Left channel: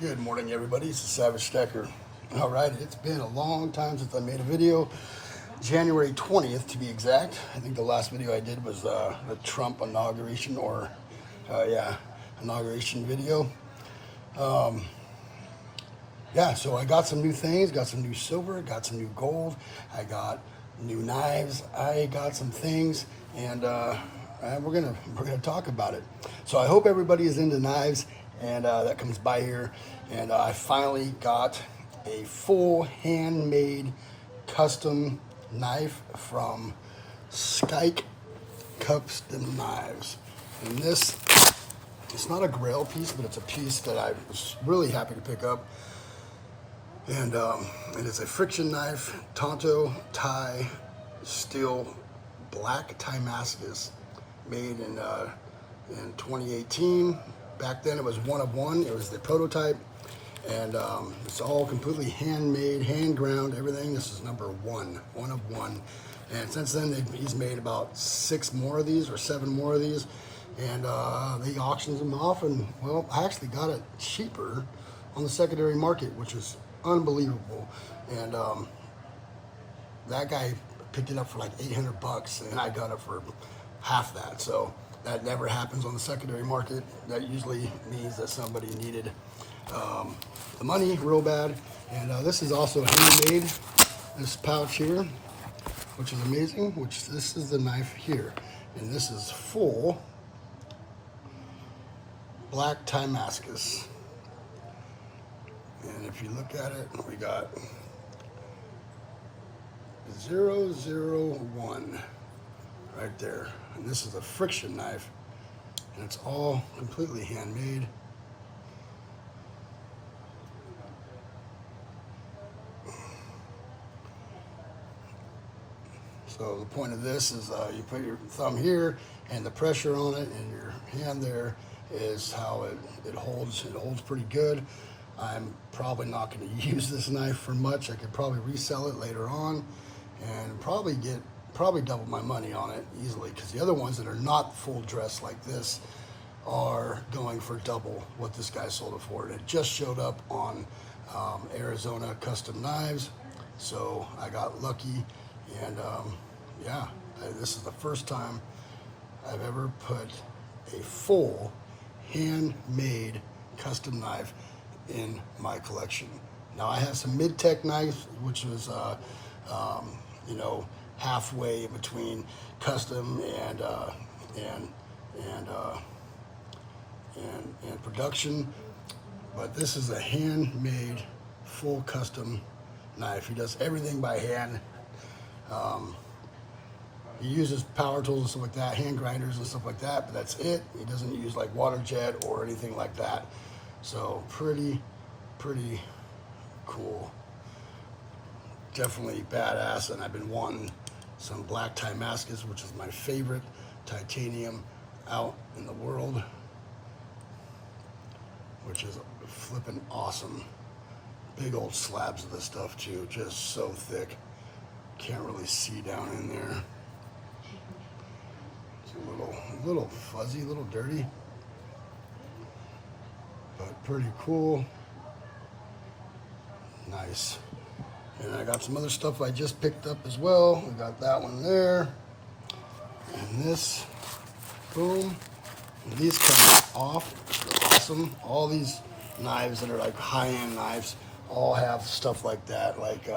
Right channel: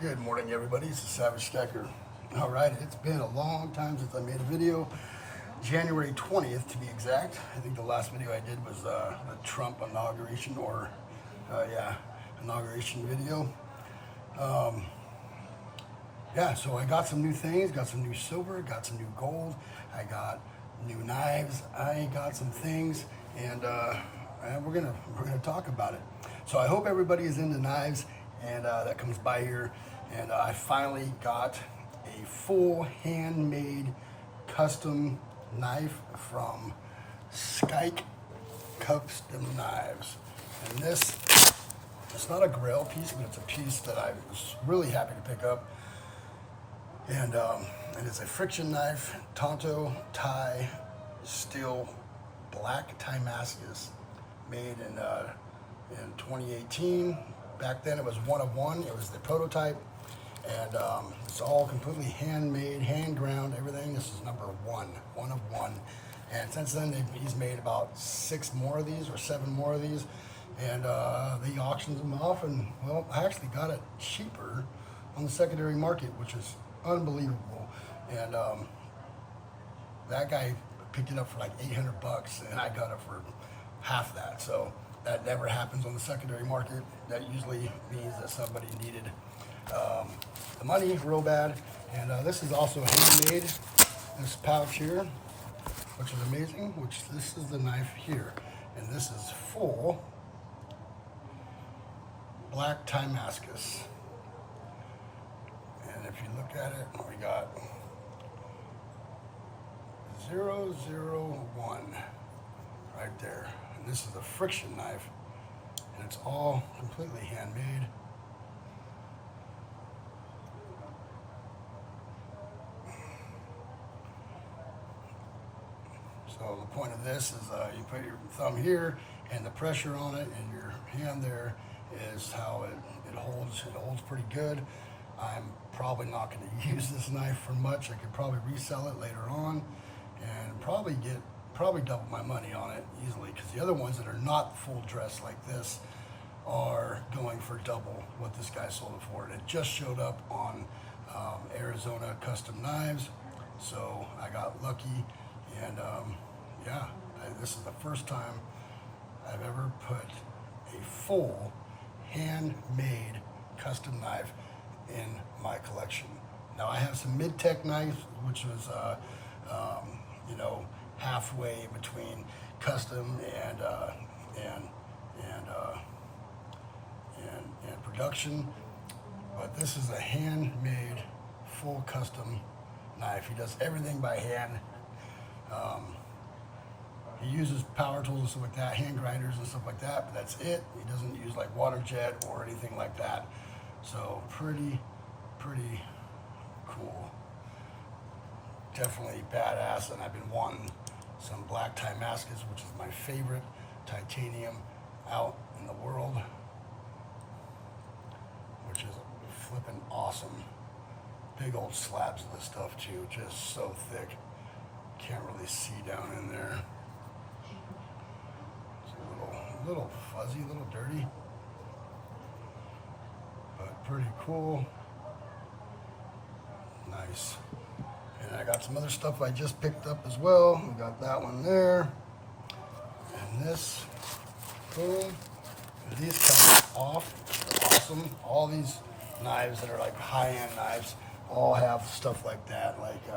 Good morning, everybody. It's the Savage Stacker. All right, it's been a long time since I made a video. January 20th, to be exact. I think the last video I did was the Trump inauguration, inauguration video. So I got some new things. Got some new silver. Got some new gold. I got new knives. I got some things, and we're gonna talk about it. So I hope everybody is into knives and that comes by here. And I finally got a full handmade custom knife from Skike Custom Knives. And this, it's not a grail piece, but it's a piece that I was really happy to pick up. And it is a friction knife, Tonto Thai steel black Damascus, made in 2018. Back then it was one of one. It was the prototype, and it's all completely handmade, hand ground, everything. This is number one of one. And since then he's made about 6 more of these or 7 more of these, and he auctions them off. And well, I actually got it cheaper on the secondary market, which is unbelievable. And that guy picked it up for like $800, and I got it for half that. So that never happens on the secondary market. That usually means that somebody needed the money real bad. And this is also handmade, this pouch here, which is amazing. This is the knife here, and this is full black Damascus. And if you look at it, we got 001 right there. And this is a friction knife, and it's all completely handmade. So the point of this is you put your thumb here, and the pressure on it, and your hand there is how it holds. It holds pretty good. I'm probably not going to use this knife for much. I could probably resell it later on and probably get double my money on it easily, because the other ones that are not full dress like this are going for double what this guy sold it for. And it just showed up on Arizona Custom Knives, so I got lucky. And this is the first time I've ever put a full handmade custom knife in my collection. Now I have some mid-tech knives, which was halfway between custom and production, but this is a handmade full custom knife. He does everything by hand. He uses power tools and stuff like that, hand grinders and stuff like that, but that's it. He doesn't use like water jet or anything like that. So pretty cool. Definitely badass. And I've been wanting some black Damascus, which is my favorite titanium out in the world, which is flipping awesome. Big old slabs of this stuff too, just so thick. Can't really see down in there. It's a little fuzzy, a little dirty, but pretty cool. Nice. And I got some other stuff I just picked up as well. We got that one there, and this, boom. And these come off, awesome. All these knives that are like high-end knives all have stuff like that. Like,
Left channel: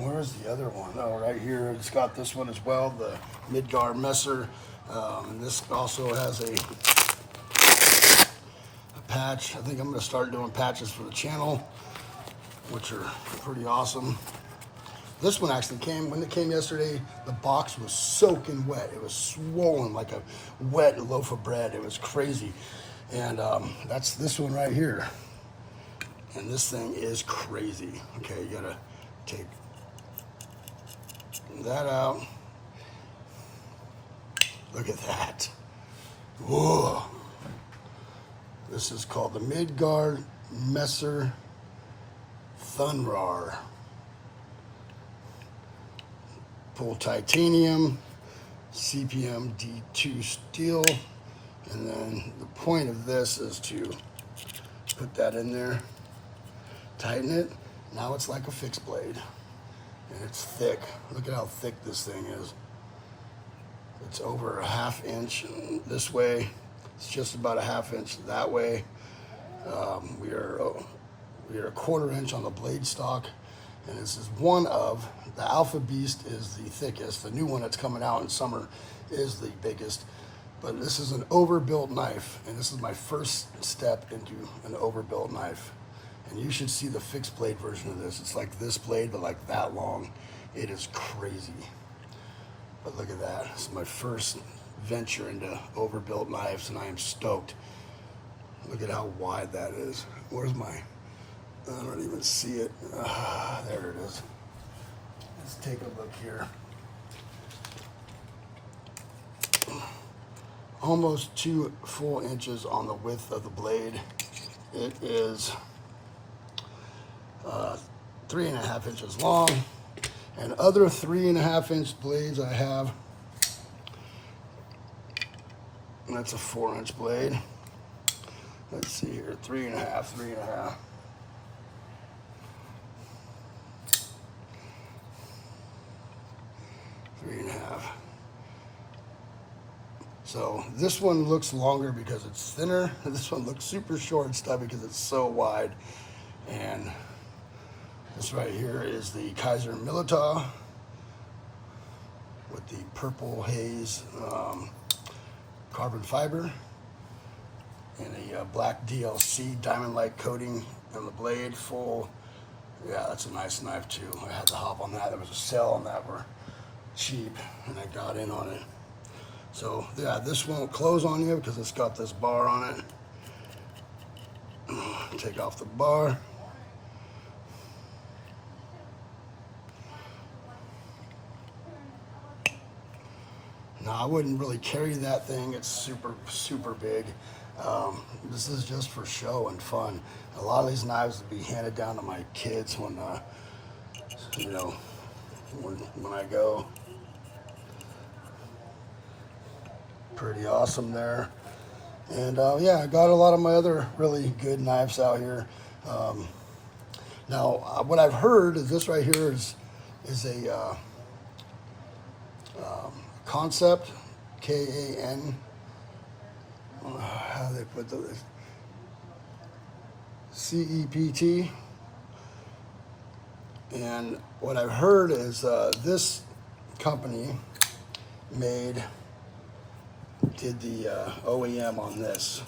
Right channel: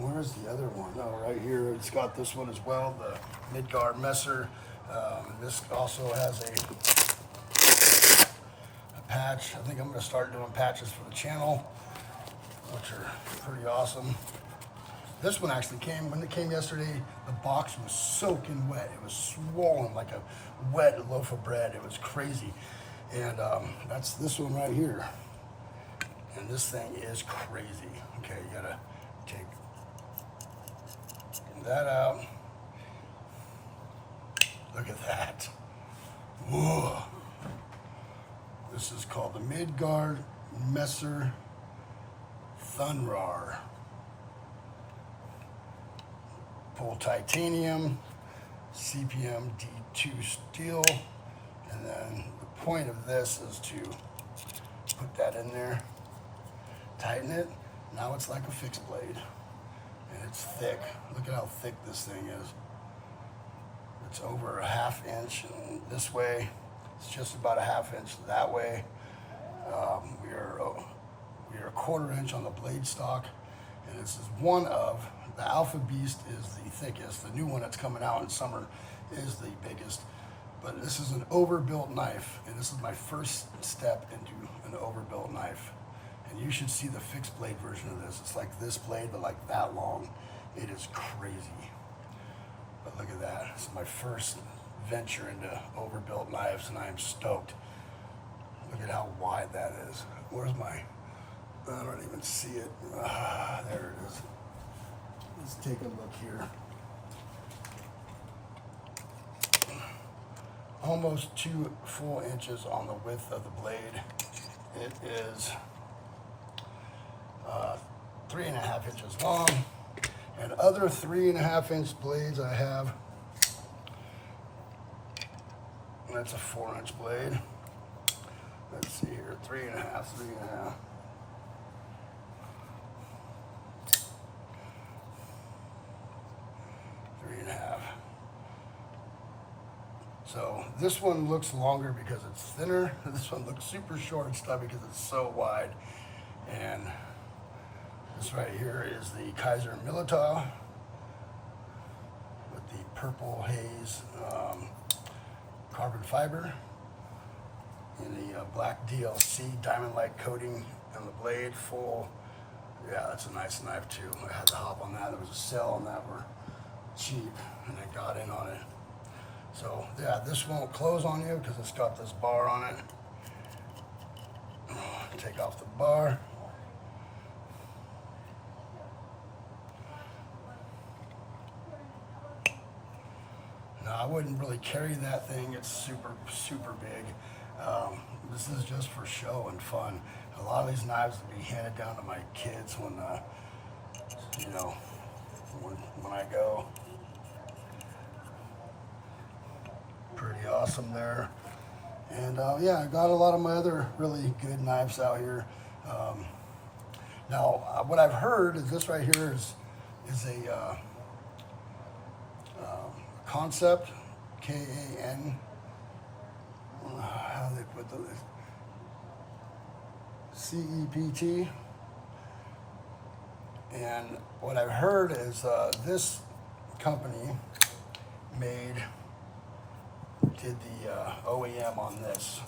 where's the other one? Oh, right here. It's got this one as well, the Midgar Messer. And this also has a patch. I think I'm going to start doing patches for the channel, which are pretty awesome. This one actually came, when it came yesterday, the box was soaking wet. It was swollen like a wet loaf of bread. It was crazy. And that's this one right here. And this thing is crazy. Okay, you gotta take that out. Look at that. Whoa. This is called the Midgar Messer Thunrar. Full titanium, CPM D2 steel, and then the point of this is to put that in there, tighten it. Now it's like a fixed blade, and it's thick. Look at how thick this thing is. It's over a 1/2 inch this way. It's just about a 1/2 inch that way. We are 1/4 inch on the blade stock, and this is one of the Alpha Beast is the thickest. The new one that's coming out in summer is the biggest. But this is an overbuilt knife, and this is my first step into an overbuilt knife. And you should see the fixed blade version of this. It's like this blade, but like that long. It is crazy. But look at that. This is my first venture into overbuilt knives, and I am stoked. Look at how wide that is. Where's my, I don't even see it. There it is. Let's take a look here. Almost 2 full inches on the width of the blade. It is 3.5 inches long. And other 3.5 inch blades I have. That's a 4-inch blade. Let's see here, 3.5, 3.5. So this one looks longer because it's thinner. This one looks super short and stubby because it's so wide. And this right here is the Kaiser Militar with the purple haze carbon fiber and the black DLC diamond-like coating on the blade. Full, yeah, that's a nice knife too. I had to hop on that. There was a sale on that for cheap, and I got in on it. So yeah, this won't close on you because it's got this bar on it. Take off the bar. Now I wouldn't really carry that thing. It's super, super big. This is just for show and fun. A lot of these knives will be handed down to my kids when, you know, when I go. Pretty awesome there. And yeah, I got a lot of my other really good knives out here. Now, what I've heard is this right here is a Concept, K-A-N. How do they put those? C-E-P-T. And what I've heard is this company did the OEM on this.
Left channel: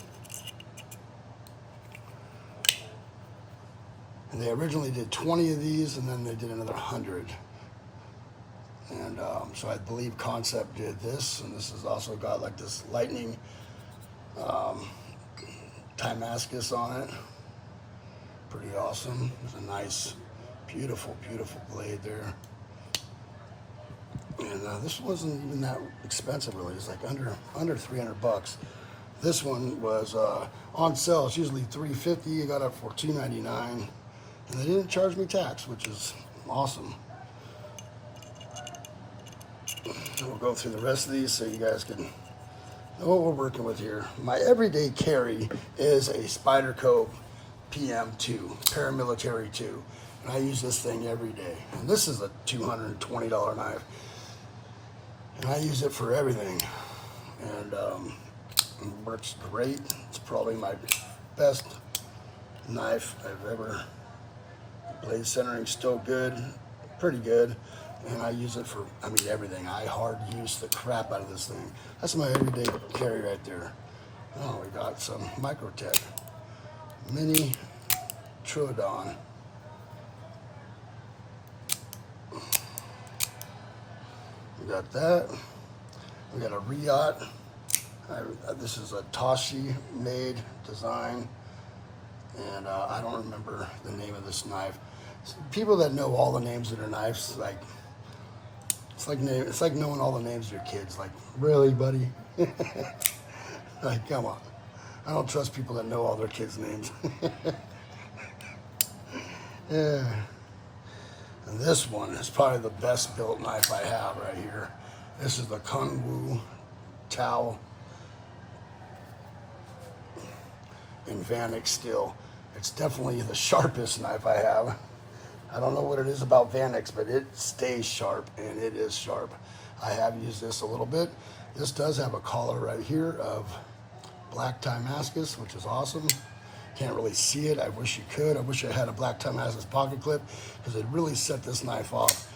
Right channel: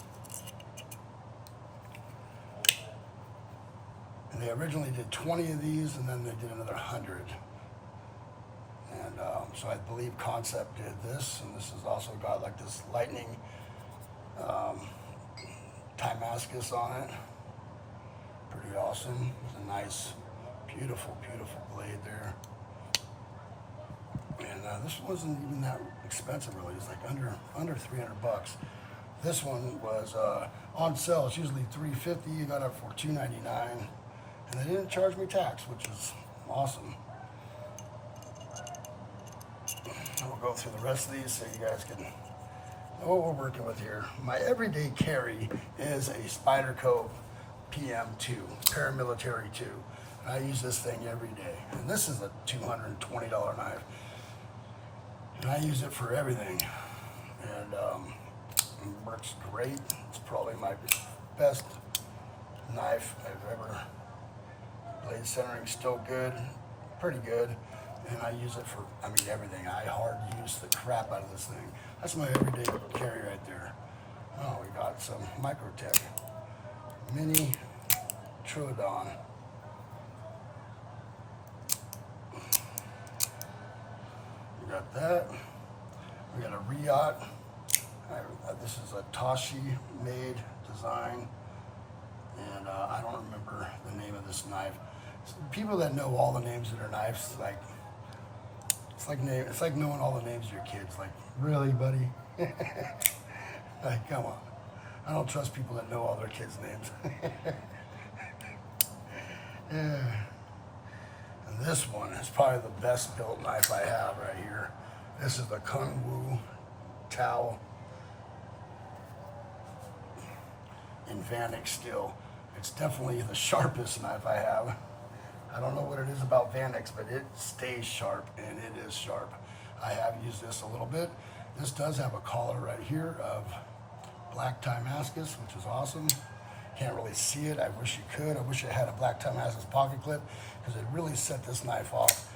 And they originally did 20 of these, and then they did another 100. And so I believe Concept did this, and this has also got like this lightning Damascus on it. Pretty awesome. It's a nice, beautiful, beautiful blade there. And this wasn't even that expensive really. It's like under $300. This one was on sale. It's usually $350. I got it for $299, and they didn't charge me tax, which is awesome. We'll go through the rest of these so you guys can know what we're working with here. My everyday carry is a Spyderco PM2, paramilitary 2. And I use this thing every day. And this is a $220 knife. And I use it for everything. And it works great. It's probably my best knife I've ever. Blade centering still good, pretty good. And I use it for, I mean, everything. I hard use the crap out of this thing. That's my everyday carry right there. Oh, we got some Microtech Mini Troodon. We got that. We got a Riot. This is a Toshi made design. And I don't remember the name of this knife. So people that know all the names of their knives, like, it's like knowing all the names of your kids. Like, really, buddy? Like, come on. I don't trust people that know all their kids' names. Yeah. And this one is probably the best built knife I have right here. This is the Kung Wu Tao in Vanek steel. It's definitely the sharpest knife I have. I don't know what it is about Vanix, but it stays sharp, and it is sharp. I have used this a little bit. This does have a collar right here of black Timascus, which is awesome. Can't really see it. I wish you could. I wish I had a black Timascus pocket clip, because it really set this knife off.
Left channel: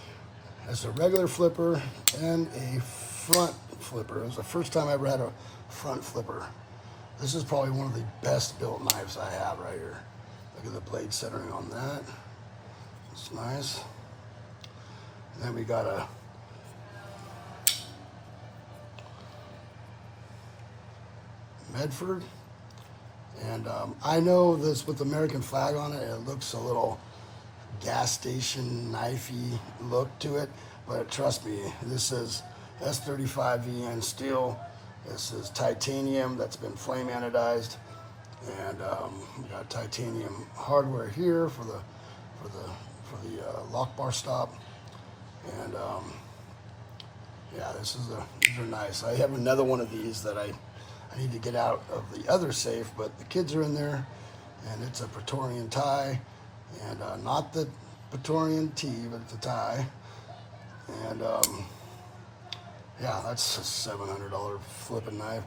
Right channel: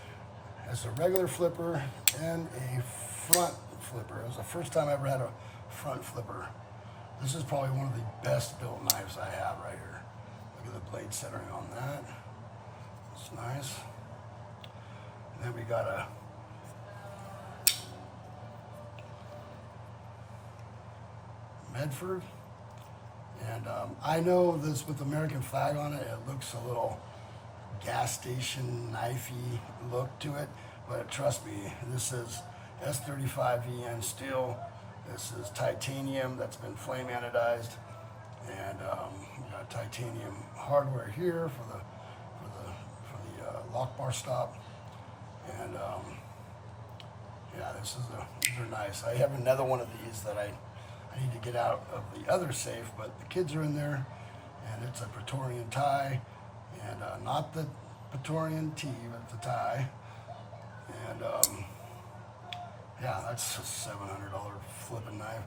It's a regular flipper and a front flipper. It was the first time I ever had a front flipper. This is probably one of the best built knives I have right here. Look at the blade centering on that. It's nice. Then we got a Medford. And I know this with the American flag on it, it looks a little gas station knifey look to it, but trust me, this is S35VN steel. This is titanium that's been flame anodized, and we got titanium hardware here for the lock bar stop, and yeah, these are nice. I have another one of these that I need to get out of the other safe, but the kids are in there, and it's a Praetorian tie, and not the Praetorian T, but the tie, and yeah, that's a $700 flipping knife,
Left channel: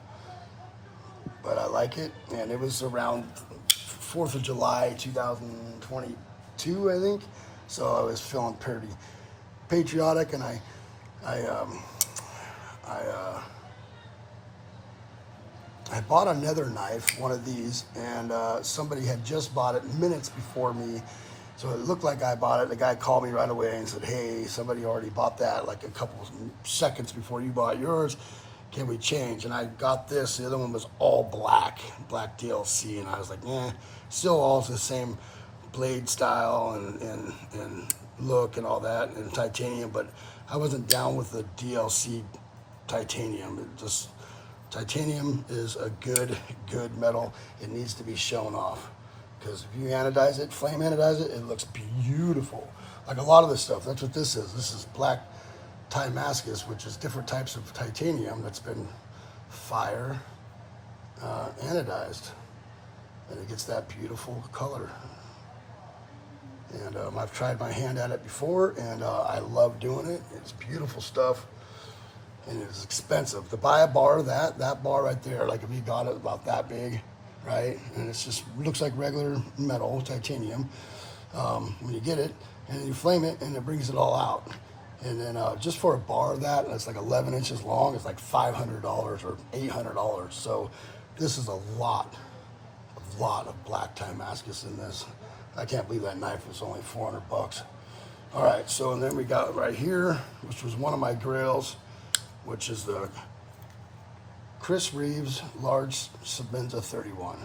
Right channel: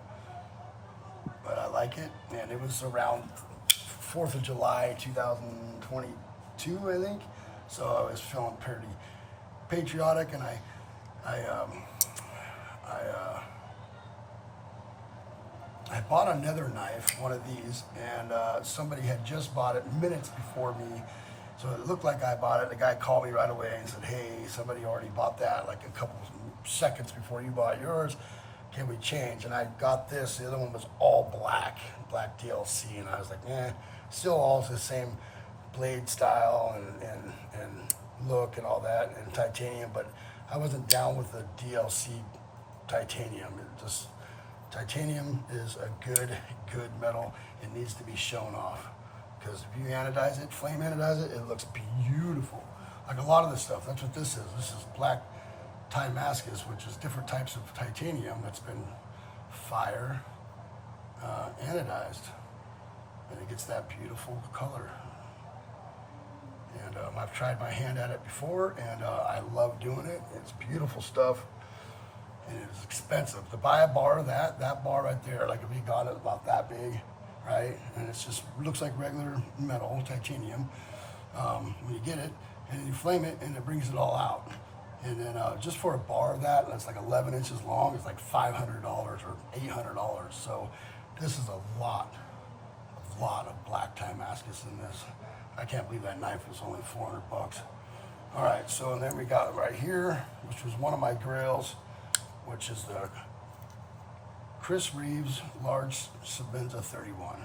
but I like it, and it was around 4th of July 2022, I think, so I was feeling pretty patriotic, and I bought another knife, one of these, and somebody had just bought it minutes before me, so it looked like I bought it. The guy called me right away and said, hey, somebody already bought that like a couple seconds before you bought yours. Can we change? And I got this. The other one was all black DLC, and I was like, still all the same blade style and look and all that, and titanium, but I wasn't down with the DLC titanium. Titanium is a good metal. It needs to be shown off, because if you anodize it, flame anodize it, it looks beautiful. Like a lot of this stuff, that's what this is. This is black Timascus, which is different types of titanium that's been fire anodized, and it gets that beautiful color. And I've tried my hand at it before, and I love doing it. It's beautiful stuff, and it's expensive. To buy a bar, that bar right there, like if you got it about that big, right? And it's just looks like regular metal, titanium. When you get it, and you flame it, and it brings it all out. And then just for a bar that, it's like 11 inches long, it's like $500 or $800. So this is a lot of black Timascus in this. I can't believe that knife was only $400. All right, so and then we got right here, which was one of my grails, which is the Chris Reeves large Sebenza 31.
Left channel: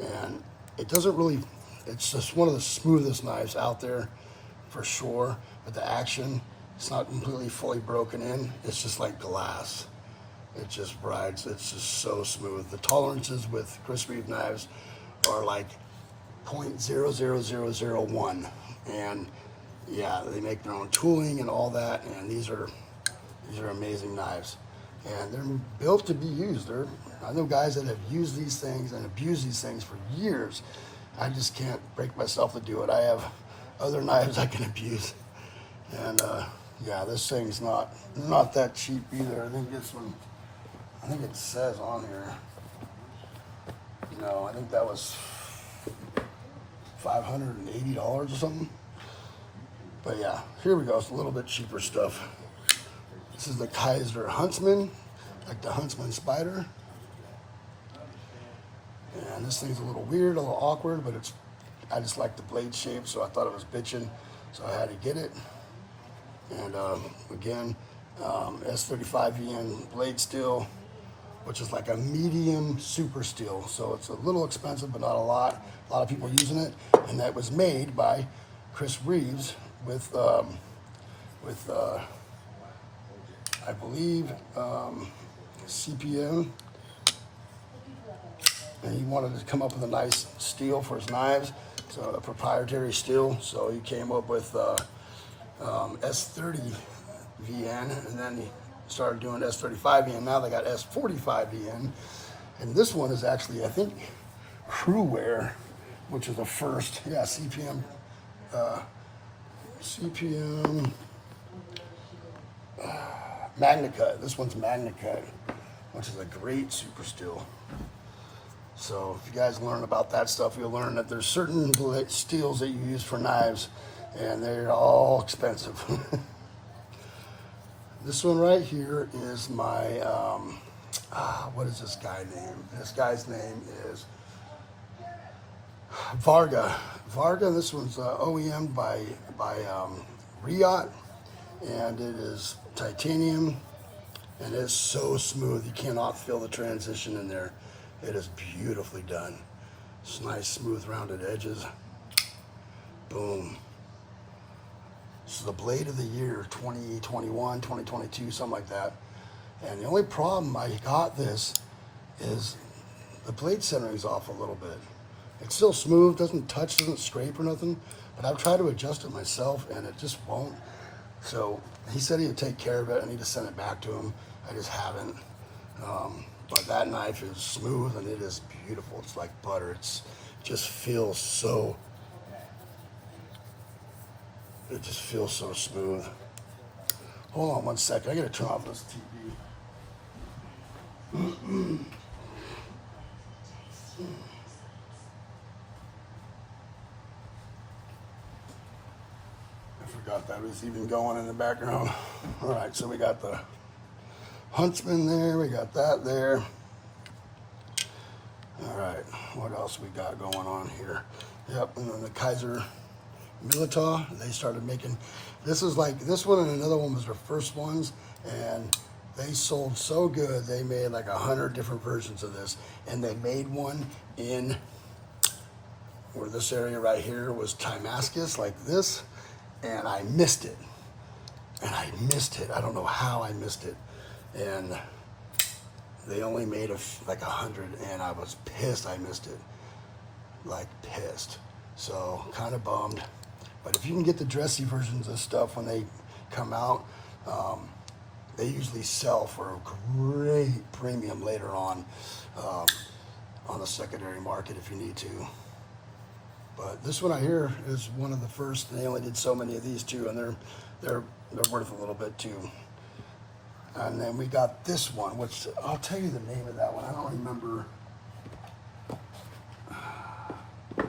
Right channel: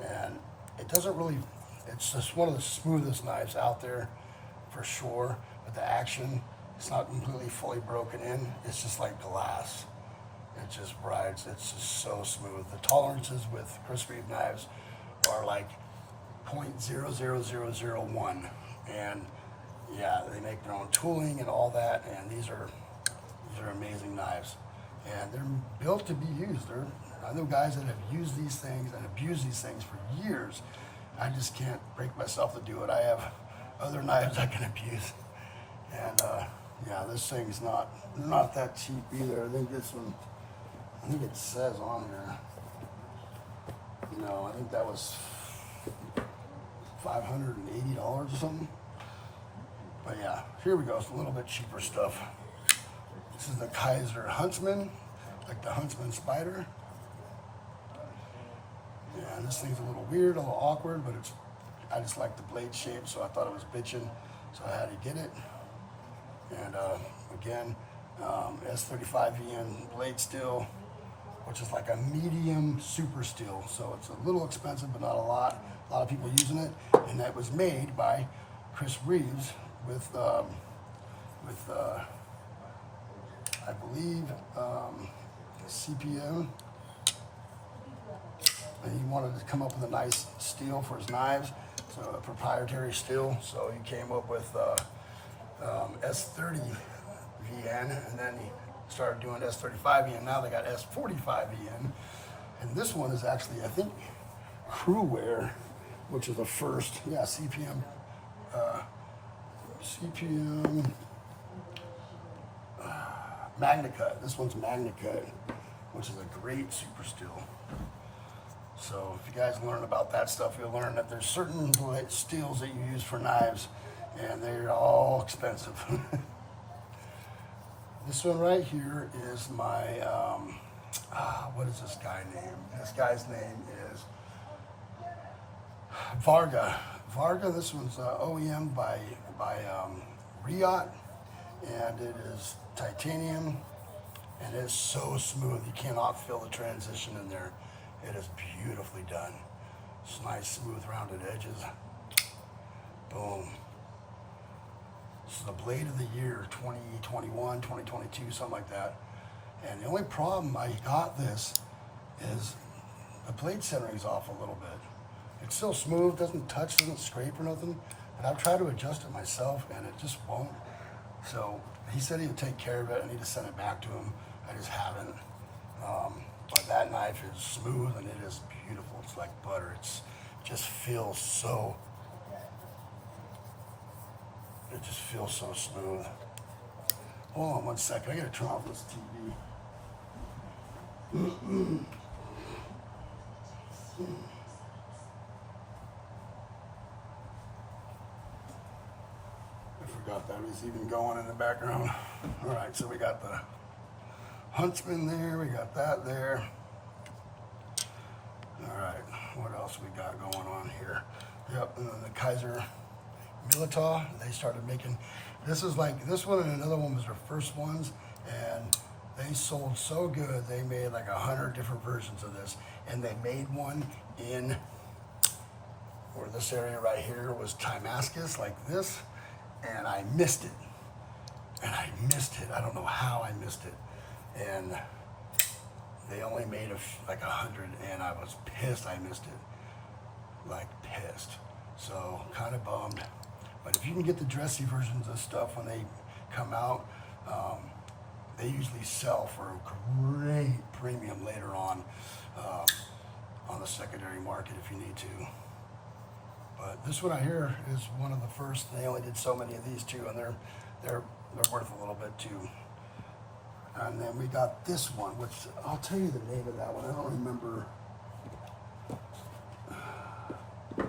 And it doesn't really, it's just one of the smoothest knives out there for sure, but the action, it's not completely fully broken in. It's just like glass. It just rides, it's just so smooth. The tolerances with Chris Reeves knives are like 0.00001, and yeah, they make their own tooling and all that, and these are amazing knives, and they're built to be used. I know guys that have used these things and abused these things for years. I just can't break myself to do it. I have other knives I can abuse, and yeah, this thing's not that cheap either. I think this one, I think it says on here, no, I think that was $580 or something. But yeah, here we go. It's a little bit cheaper stuff. This is the Kaiser Huntsman, like the Huntsman Spider. And this thing's a little weird, a little awkward, but I just like the blade shape, so I thought it was bitchin', so I had to get it. And again, S35VN blade steel, which is like a medium super steel, so it's a little expensive, but not a lot. A lot of people using it, and that was made by Chris Reeves with I believe CPM, and he wanted to come up with a nice steel for his knives, so a proprietary steel. So he came up with S30VN, and then he started doing S35VN. Now they got S45VN, and this one is actually, I think, Crewwear. which is the first, yeah, CPM, CPM MagnaCut. This one's MagnaCut, which is a great super steel. So if you guys learn about that stuff, you'll learn that there's certain steels that you use for knives, and they're all expensive. This one right here is my, what is this guy name? This guy's name is Varga. Varga, this one's OEM by Riot, and it is titanium, and it's so smooth. You cannot feel the transition in there. It is beautifully done. It's nice, smooth, rounded edges. Boom. This is the blade of the year, 2021, 2022, something like that. And the only problem I got this is the blade centering is off a little bit. It's still smooth, doesn't touch, doesn't scrape or nothing, but I've tried to adjust it myself and it just won't. So he said he'd take care of it. I need to send it back to him. I just haven't. But that knife is smooth and it is beautiful. It's like butter. It just feels so smooth. Hold on one second. I gotta turn off this TV. I forgot that was even going in the background. All right, so we got the Huntsman there. We got that there. All right, what else we got going on here? Yep, and then the Kaiser Milita, they started making, this is like, this one and another one was their first ones, and they sold so good, they made like 100 different versions of this, and they made one in, where this area right here was Damascus, like this, and I missed it. I don't know how I missed it. And they only made like 100, and I was pissed I missed it. Like pissed. So kind of bummed. But if you can get the dressy versions of stuff when they come out, they usually sell for a great premium later on the secondary market if you need to. But this one I hear is one of the first. They only did so many of these too, and they're worth a little bit too. And then we got this one, which I'll tell you the name of that one. I don't remember the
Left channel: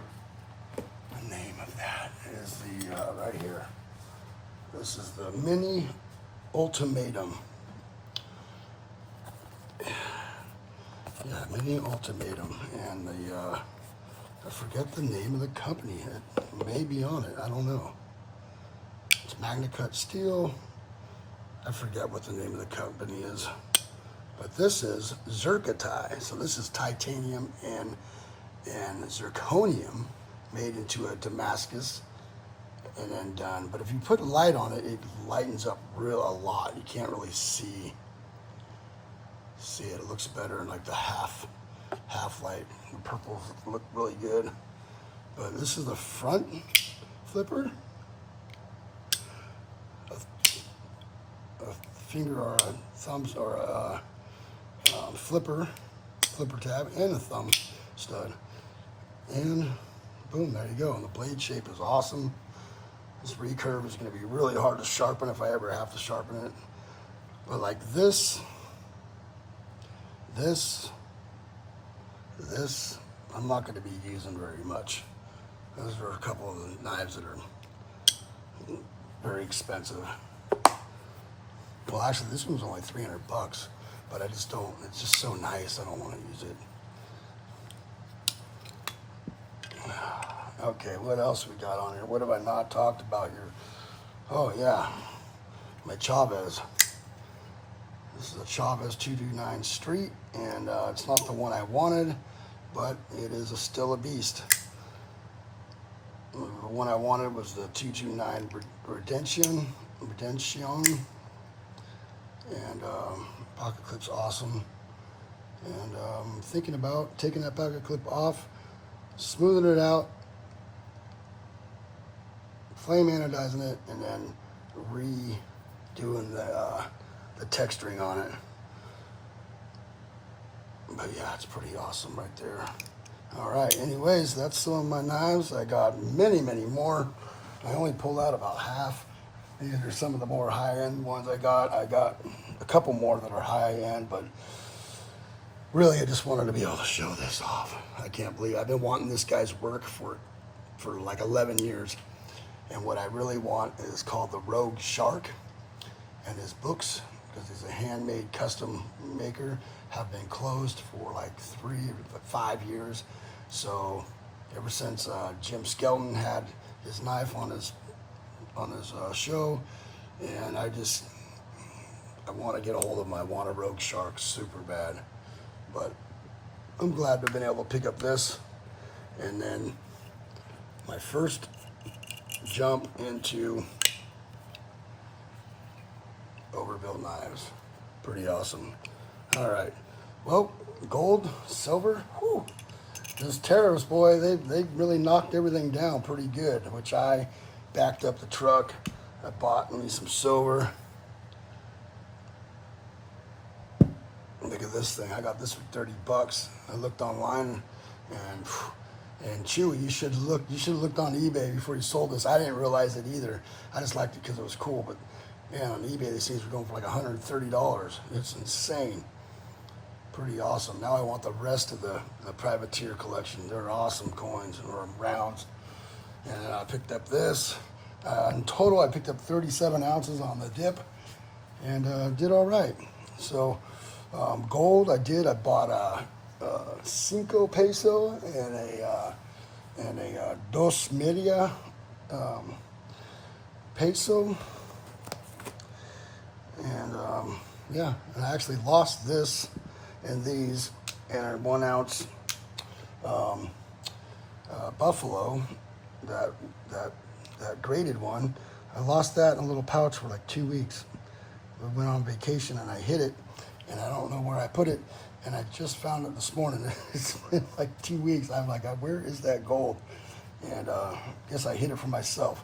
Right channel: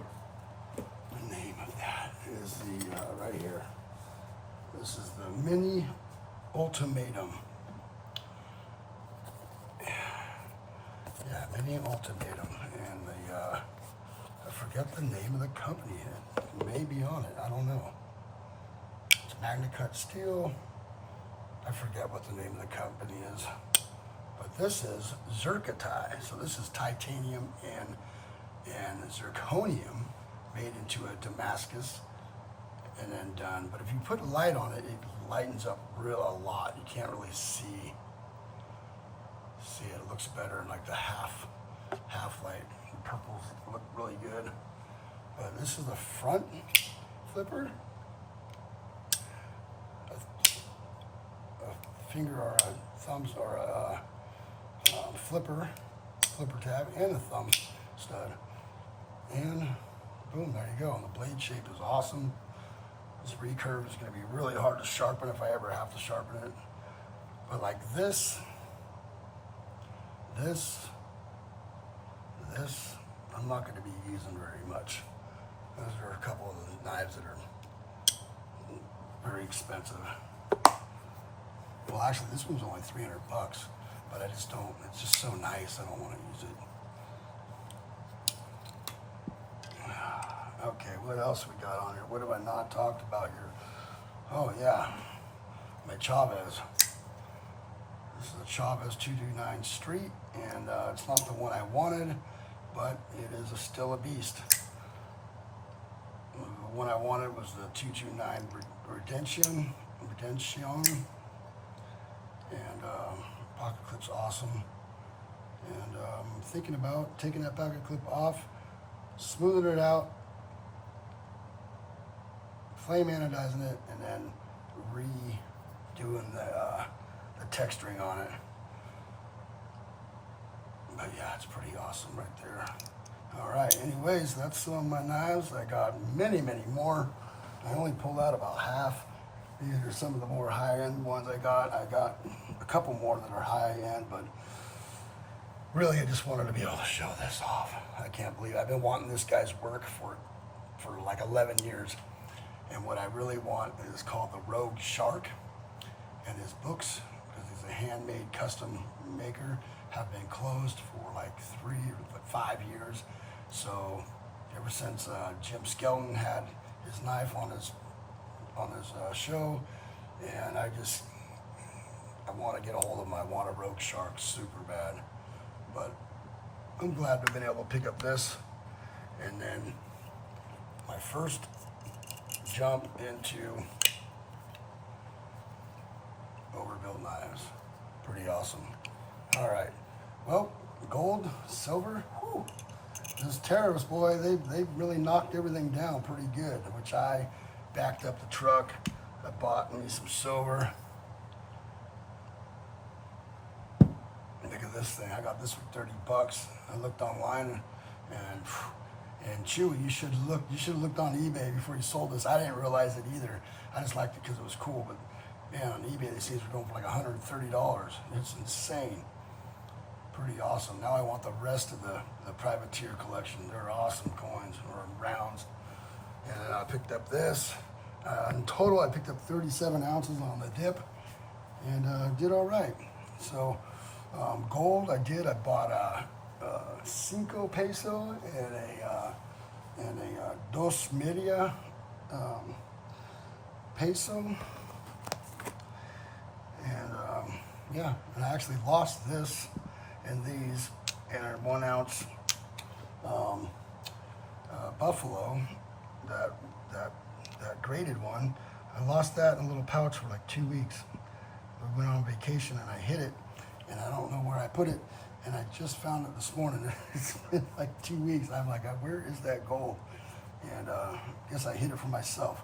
name of that. It is the right here. This is the Mini Ultimatum. Yeah, Mini Ultimatum, and the I forget the name of the company. It may be on it. I don't know. It's MagnaCut Steel. I forget what the name of the company is. But this is Zircotai. So this is titanium and zirconium made into a Damascus and then done. But if you put light on it, it lightens up a lot. You can't really see it. It looks better in like the half light. The purples look really good. But this is the front flipper. A finger or a thumb or a flipper tab, and a thumb stud. And boom, there you go. And the blade shape is awesome. This recurve is going to be really hard to sharpen if I ever have to sharpen it. But like this, I'm not going to be using very much. Those are a couple of the knives that are very expensive. Well, actually, this one's only $300, but I just don't. It's just so nice. I don't want to use it. Okay, what else we got on here? What have I not talked about here? Oh yeah, my Chavez. This is a Chavez 229 Street, and it's not the one I wanted, but it is still a beast. The one I wanted was the 229 Redemption, and pocket clip's awesome. And I'm thinking about taking that pocket clip off, smoothing it out, flame anodizing it, and then redoing the texturing on it. But yeah, it's pretty awesome right there. All right, anyways, that's some of my knives. I got many, many more. I only pulled out about half. These are some of the more high-end ones I got. I got a couple more that are high-end, but really I just wanted to be able to show this off. I can't believe I've been wanting this guy's work for like 11 years. And what I really want is called the Rogue Shark. And his books, because he's a handmade custom maker, have been closed for like 3 or 5 years. So ever since Jim Skelton had his knife on his show, and I want to get a hold of him. I want a Rogue Shark super bad, but I'm glad to have been able to pick up this. And then my first jump into Overbuilt knives. Pretty awesome. All right. Well, gold, silver, whew. Those tariffs, boy, they really knocked everything down pretty good, which I backed up the truck. I bought me some silver. Look at this thing. I got this for 30 bucks. I looked online and Chewy, you should have looked on eBay before you sold this. I didn't realize it either. I just liked it because it was cool, but man, on eBay these things were going for like $130. It's insane. Pretty awesome. Now I want the rest of the privateer collection. They're awesome coins or rounds. And I picked up this. In total, I picked up 37 ounces on the dip and did all right. So gold, I bought a 5 peso and a dos media peso. And yeah, and I actually lost this and these and a 1 ounce buffalo, that graded one. I lost that in a little pouch for like 2 weeks. We went on vacation and I hid it, and I don't know where I put it. And I just found it this morning. It's been like 2 weeks. I'm like, where is that gold? And guess I hid it for myself.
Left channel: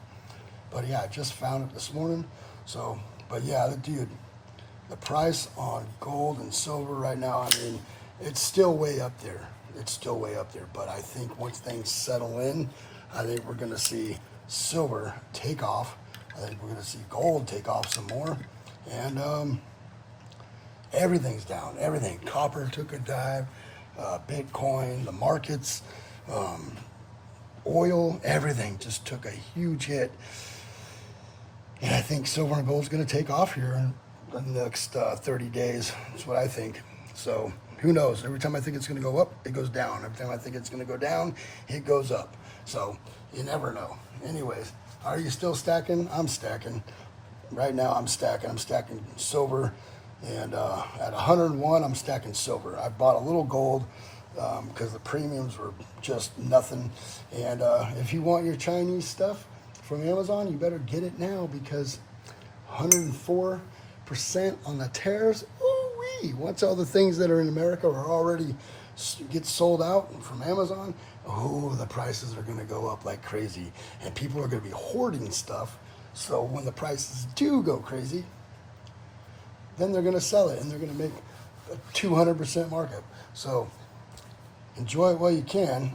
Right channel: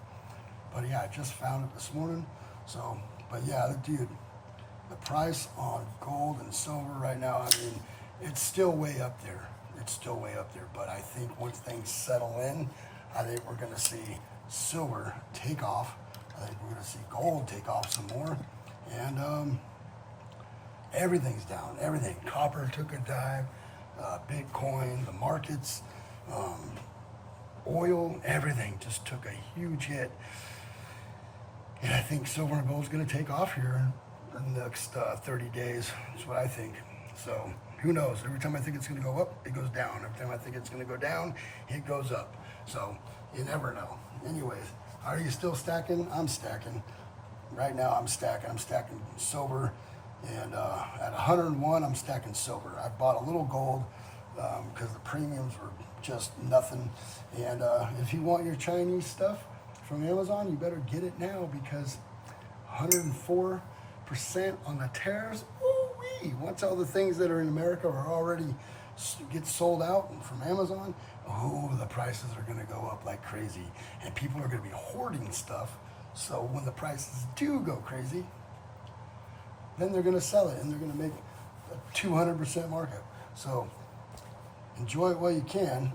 But yeah, I just found it this morning. So, but yeah, dude, the price on gold and silver right now, I mean, it's still way up there. It's still way up there. But I think once things settle in, I think we're going to see silver take off. I think we're going to see gold take off some more. And everything's down. Everything. Copper took a dive. Bitcoin, the markets, oil, everything just took a huge hit. And I think silver and gold is going to take off here in the next 30 days. That's what I think. So who knows? Every time I think it's going to go up, it goes down. Every time I think it's going to go down, it goes up. So you never know. Anyways, are you still stacking? I'm stacking. Right now I'm stacking. I'm stacking silver. And at 101, I'm stacking silver. I bought a little gold because the premiums were just nothing. And if you want your Chinese stuff from Amazon, you better get it now because 104% on the tariffs. Ooh-wee. Once all the things that are in America are already get sold out from Amazon, oh, the prices are going to go up like crazy. And people are going to be hoarding stuff. So when the prices do go crazy, then they're going to sell it and they're going to make a 200% markup. So enjoy it while you can.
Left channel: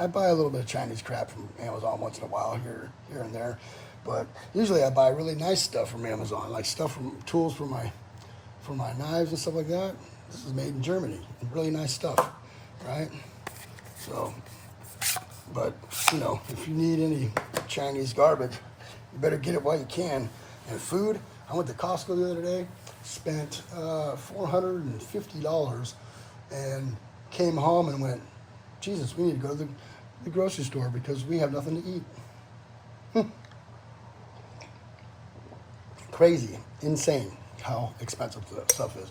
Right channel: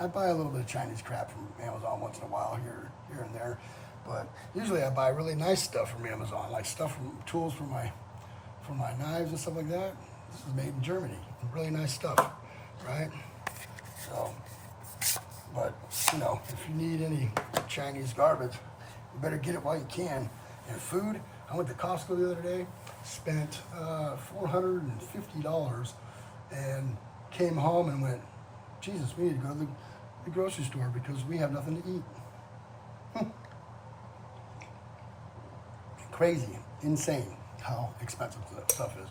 I buy a little bit of Chinese crap from Amazon once in a while here and there, but usually I buy really nice stuff from Amazon, like stuff from tools for my knives and stuff like that. This is made in Germany. Really nice stuff, right? So, but you know, if you need any Chinese garbage, you better get it while you can. And food, I went to Costco the other day, spent $450, and came home and went, Jesus, we need to go to the grocery store because we have nothing to eat. Crazy, insane how expensive that stuff is.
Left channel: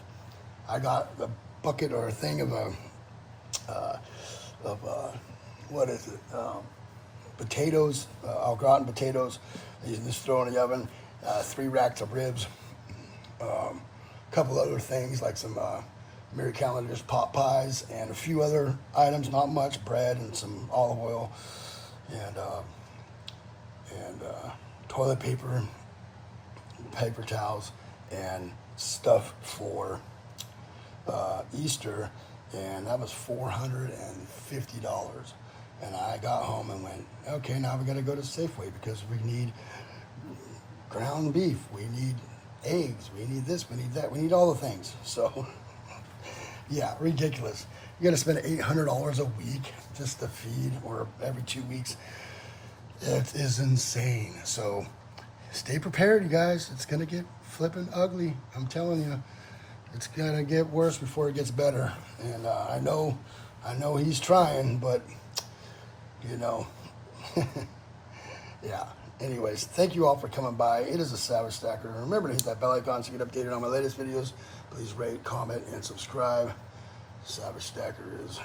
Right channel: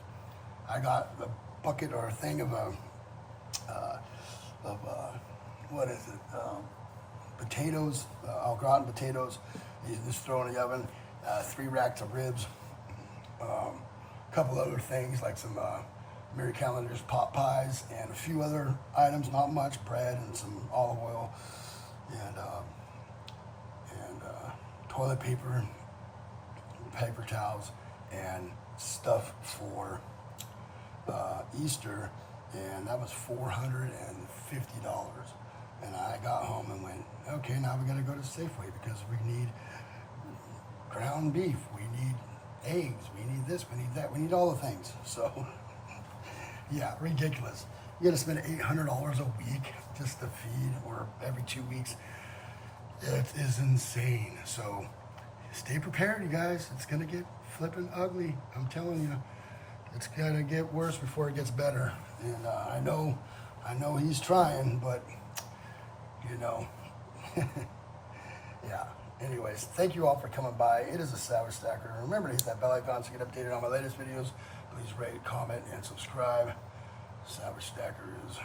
I got a bucket or a thing of what is it? Potatoes, au gratin potatoes. You just throw in the oven. 3 racks of ribs. A couple other things like some Mary Callender's pot pies and a few other items, not much, bread and some olive oil and toilet paper, paper towels, and stuff for Easter. and that was $450. And I got home and went, okay, now we got to go to Safeway because we need ground beef, we need eggs, we need this, we need that, we need all the things. So, yeah, ridiculous. You got to spend $800 a week just to feed, or every 2 weeks. It is insane. So, stay prepared, you guys. It's gonna get flipping ugly. I'm telling you, it's gonna get worse before it gets better. And I know he's trying, but you know, yeah. Anyways, thank you all for coming by. It is a Savage Stacker. Remember to hit that bell icon to get updated on my latest videos. Please rate, comment, and subscribe. Savage Stacker is